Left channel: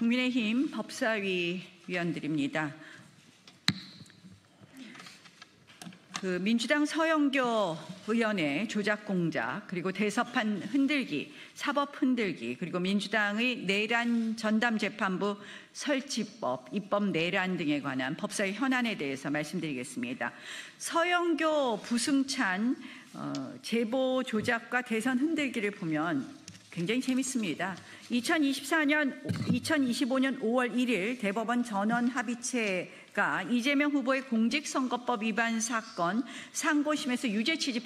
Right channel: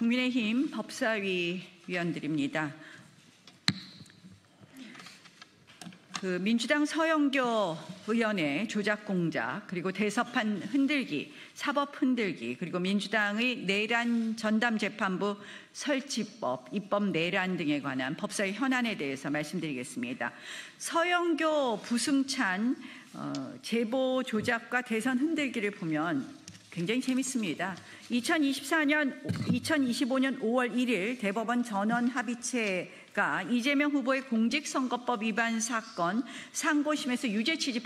국민의힘 법사위 위원들입니다. 민주당 서영교 의원의 조작 공작, 그리고 대서판 흔들기, 사법 흔들기, 그리고 민주당의 내란 전담재판부 설치법, 입법 내란 등에 관한 법사위 현안에 대해서 말씀드리겠습니다. 서영교, 부승찬 제보 조작과 대선 흔들기를 보면 굉장히 재밌습니다. 2025년 5월 1일 대법원 전원합의체가 이재명 후보의 공직선거법 위반 사건 상고심에서 유죄 취지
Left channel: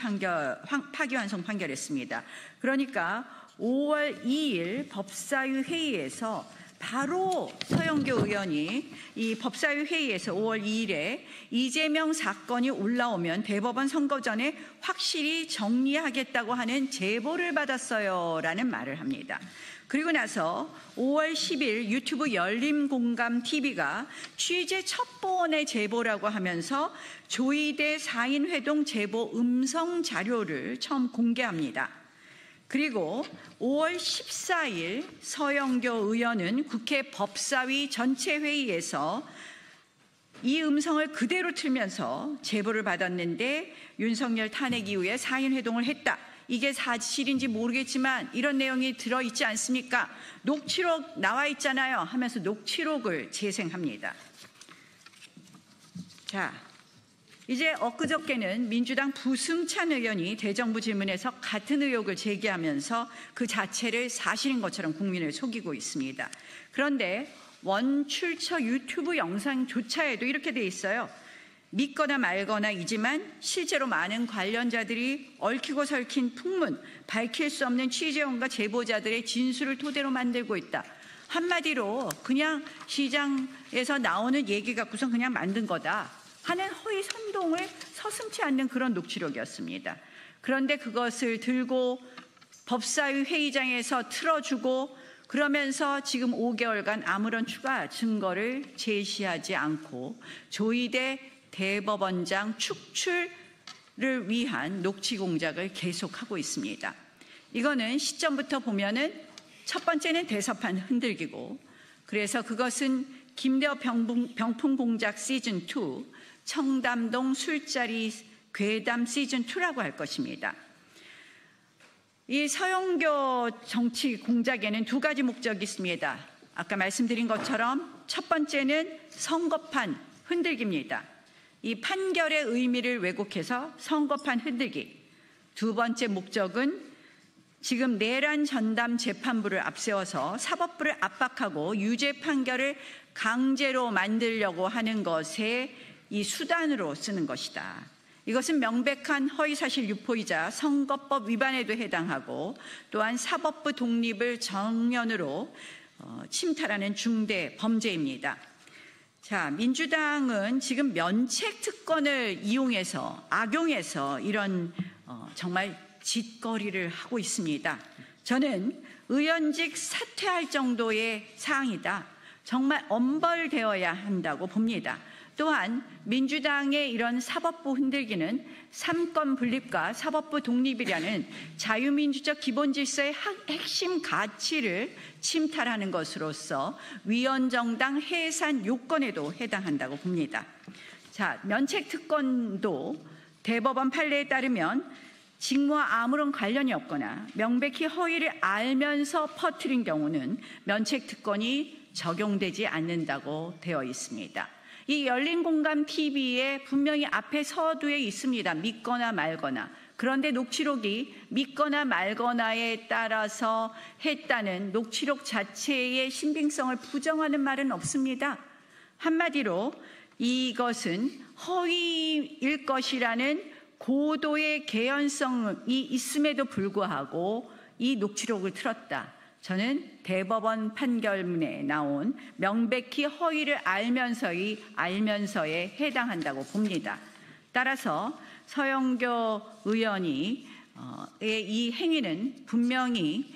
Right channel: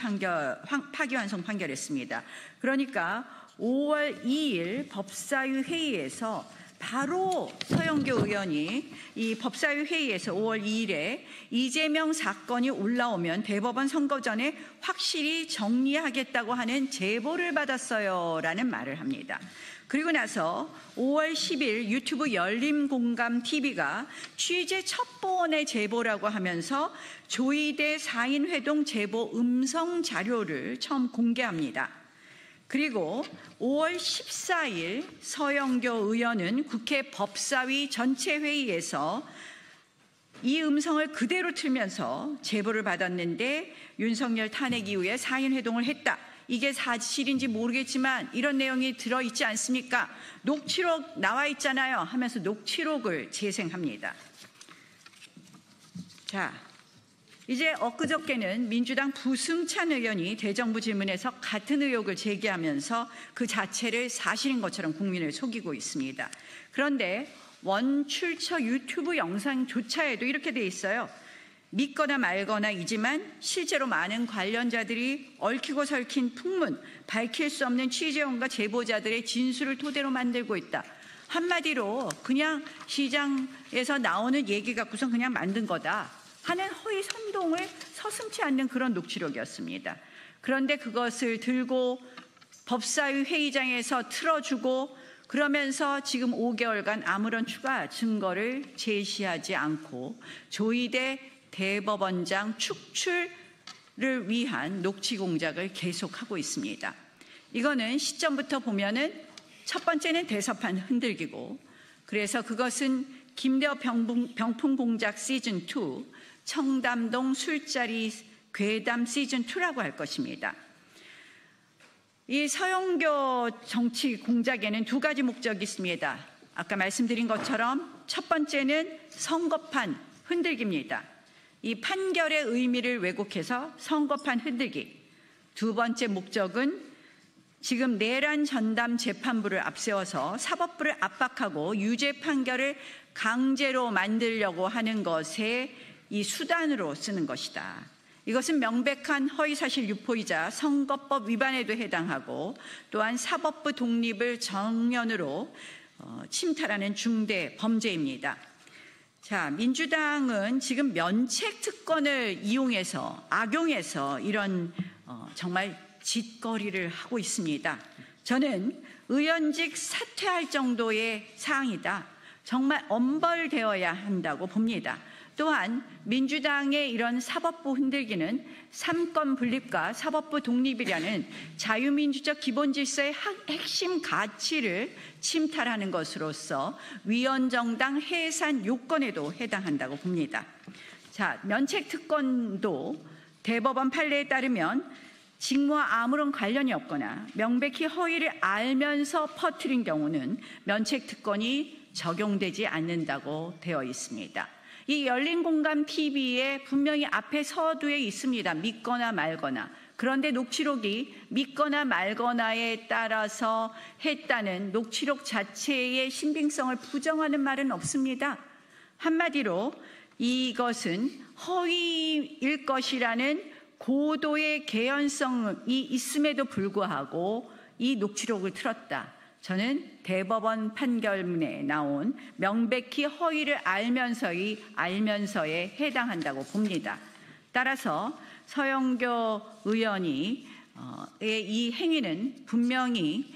파기환송 판결했습니다. 그러니까 5월 2일 법사위 회의에서 바로 서영교 의원이 이 법사위 회의에서 5월 2일에 이재명 사건이 올라오면 대법원 선거 전에 확실히 정리하겠다고 하는 제보를 받았어요 라는 말을 합니다. 그리고 나서 5월 10일 유튜브 열린공감TV가 취재 첩보원의 제보라고 하면서 조이대 4인 회동 제보 음성 자료를 처음 공개합니다. 그리고 5월 14일 서영교 의원은 국회 법사위 전체 회의에서 이 음성을 그대로 틀면서 제보를 받았는데 윤석열 탄핵 이후에 4인 회동을 했다. 이게 사실인지 모르겠지만 이런 내용이 들어있지 않습니까? 녹취록 나와 있잖아요 하면서 녹취록을 재생합니다. 자, 이제 엊그저께는 민주당 부승찬 의원이 대정부 질문에서 같은 의혹을 제기하면서 그 자체를 사실인 것처럼 국민을 속이고 있습니다. 그런데 원출처 유튜브 영상조차에도 이렇게 돼 있어요. 믿거나 말거나이지만 실제로 많은 관련자들이 얽히고 설킨 풍문, 밝힐 수 없는 취재원과 제보자들의 진술을 토대로 만들고 있다. 한마디로 그냥 시장에서 나오는 얘기 갖고서 그냥 만든 거다 하는 허위 선동을 서슴지 않는 그런 녹취록이었습니다. 그런데 그것을 들고 법사위 회의장에서 틀어주고 그러면서 지금 5개월간 아무런 추가 증거를 제시하지 않고 조이대 대법원장 축출을 위한 녹취 공작을 계속하고 있습니다. 이거는 시점부터 보면은 첫 번째는 대서판 흔들기고, 그래서 그것은 김대호 병풍 공작 시즌2, 청담동 술자리 괴담 시즌2라고 할 것입니다. 이 서영교 정치 공작에는 두 가지 목적이 있습니다. 아까 말씀드린 것처럼 첫 번째는 선거판 흔들기입니다. 이 판결의 의미를 왜곡해서 선거판 흔들기. 두 번째 목적은 지금 내란 전담 재판부를 앞세워서 사법부를 압박하고 유죄 판결을 강제로 만들려고 하는 것에 이 수단으로 쓰는 것이다. 이것은 명백한 허위사실 유포이자 선거법 위반에도 해당하고 또한 사법부 독립을 정면으로 침탈하는 중대 범죄입니다. 자, 민주당은 지금 면책 특권을 이용해서 악용해서 이런 정말 짓거리를 하고 있습니다. 저는 의원직 사퇴할 정도의 사항이다. 정말 엄벌되어야 한다고 봅니다. 또한 민주당의 이런 사법부 흔들기는 삼권 분립과 사법부 독립이라는 자유민주적 기본질서의 핵심 가치를 침탈하는 것으로서 위헌정당 해산 요건에도 해당한다고 봅니다. 자, 면책특권도 대법원 판례에 따르면 직무와 아무런 관련이 없거나 명백히 허위를 알면서 퍼뜨린 경우는 면책특권이 적용되지 않는다고 되어 있습니다. 이 열린공감TV에 분명히 앞에 서두에 있습니다. 믿거나 말거나. 그런데 녹취록이 믿거나 말거나에 따라서 했다는 녹취록 자체의 신빙성을 부정하는 말은 없습니다. 한마디로 이것은 허위일 것이라는 고도의 개연성이 있음에도 불구하고 이 녹취록을 틀었다. 저는 대법원 판결문에 나온 명백히 허위를 알면서에 해당한다고 봅니다. 따라서 서영교 의원이 이 행위는 분명히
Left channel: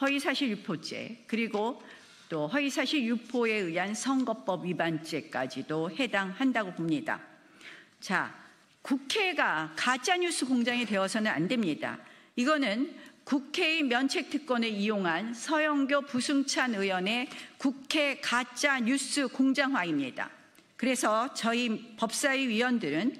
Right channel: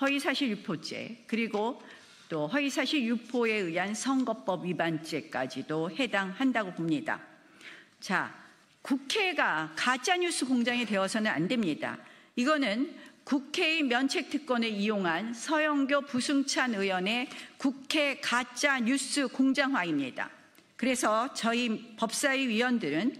허위사실 유포죄 그리고 또 허위사실 유포에 의한 선거법 위반죄까지도 해당한다고 봅니다. 자, 국회가 가짜뉴스 공장이 되어서는 안 됩니다. 이거는 국회의 면책특권을 이용한 서영교 부승찬 의원의 국회 가짜 뉴스 공장화입니다. 그래서 저희 법사위 위원들은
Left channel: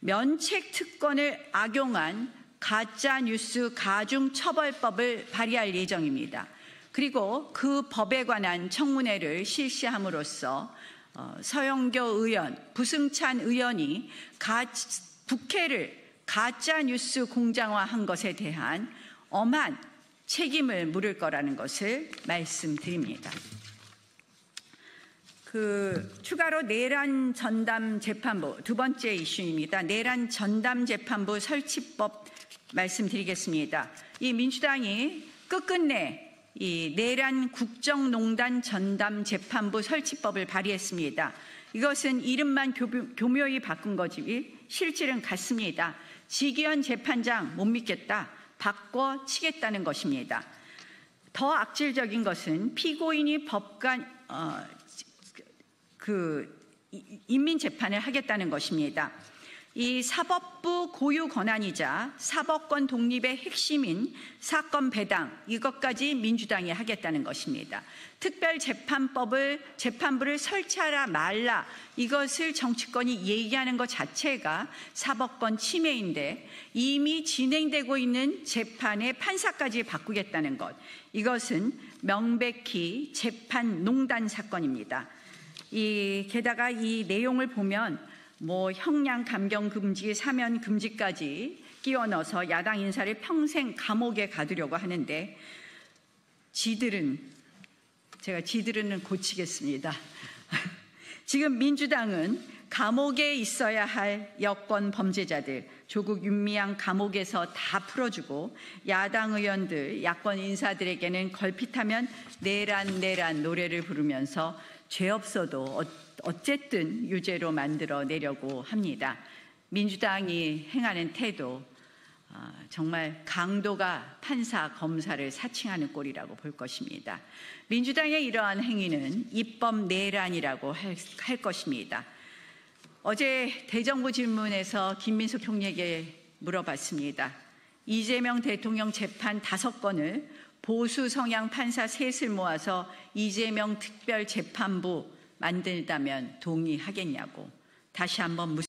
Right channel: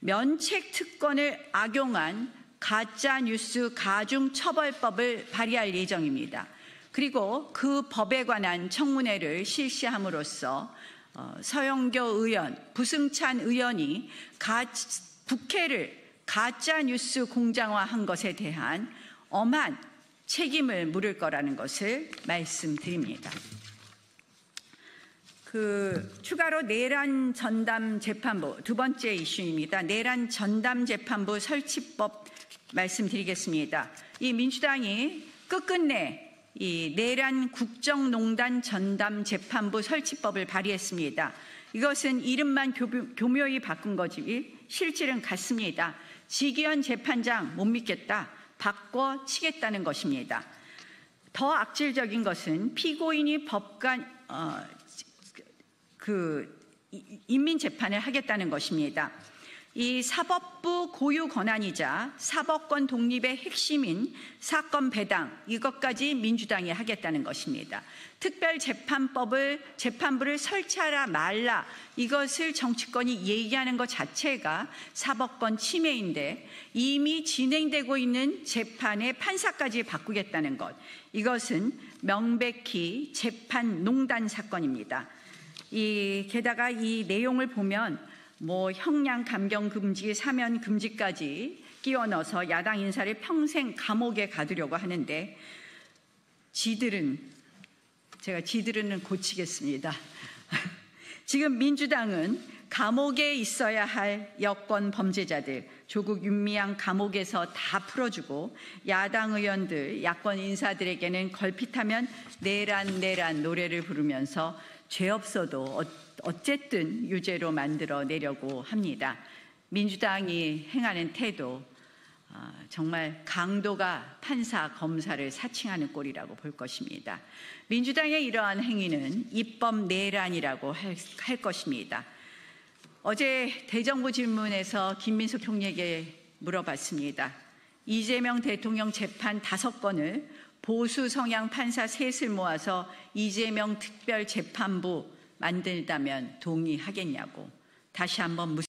면책특권을 악용한 가짜뉴스 가중처벌법을 발의할 예정입니다. 그리고 그 법에 관한 청문회를 실시함으로써 서영교 의원, 부승찬 의원이 국회를 가짜뉴스 공장화한 것에 대한 엄한 책임을 물을 거라는 것을 말씀드립니다. 추가로 내란 전담 재판부, 두 번째 이슈입니다. 내란 전담 재판부 설치법 말씀드리겠습니다. 이 민주당이 끝끝내 이 내란 국정농단 전담 재판부 설치법을 발의했습니다. 이것은 이름만 교묘히 바꾼 거지 실질은 같습니다. 지기현 재판장 못 믿겠다. 바꿔치겠다는 것입니다. 더 악질적인 것은 피고인이 법관 인민재판을 하겠다는 것입니다. 이 사법부 고유 권한이자 사법권 독립의 핵심인 사건 배당, 이것까지 민주당이 하겠다는 것입니다. 재판부를 설치하라 말라, 이것을 정치권이 얘기하는 것 자체가 사법권 침해인데 이미 진행되고 있는 재판의 판사까지 바꾸겠다는 것, 이것은 명백히 재판농단 사건입니다. 게다가 이 내용을 보면 형량 감경 금지, 사면 금지까지 끼워 넣어서 야당 인사를 평생 감옥에 가두려고 하는데 지들은 고치겠습니다. 지금 민주당은 감옥에 있어야 할 여권 범죄자들, 조국 윤미향 감옥에서 다 풀어주고 야당 의원들, 야권 인사들에게는 걸핏하면 내란 노래를 부르면서 죄 없어도 어쨌든 유죄로 만들어내려고 합니다. 민주당이 행하는 태도, 정말 강도가 판사, 검사를 사칭하는 꼴이라고 볼 것입니다. 민주당의 이러한 행위는 입법 내란이라고 할 것입니다. 어제 대정부 질문에서 김민수 총리에게 물어봤습니다. 이재명 대통령 재판 5건을 보수 성향 판사 셋을 모아서 이재명 특별재판부 만들다면 동의하겠냐고 다시 한번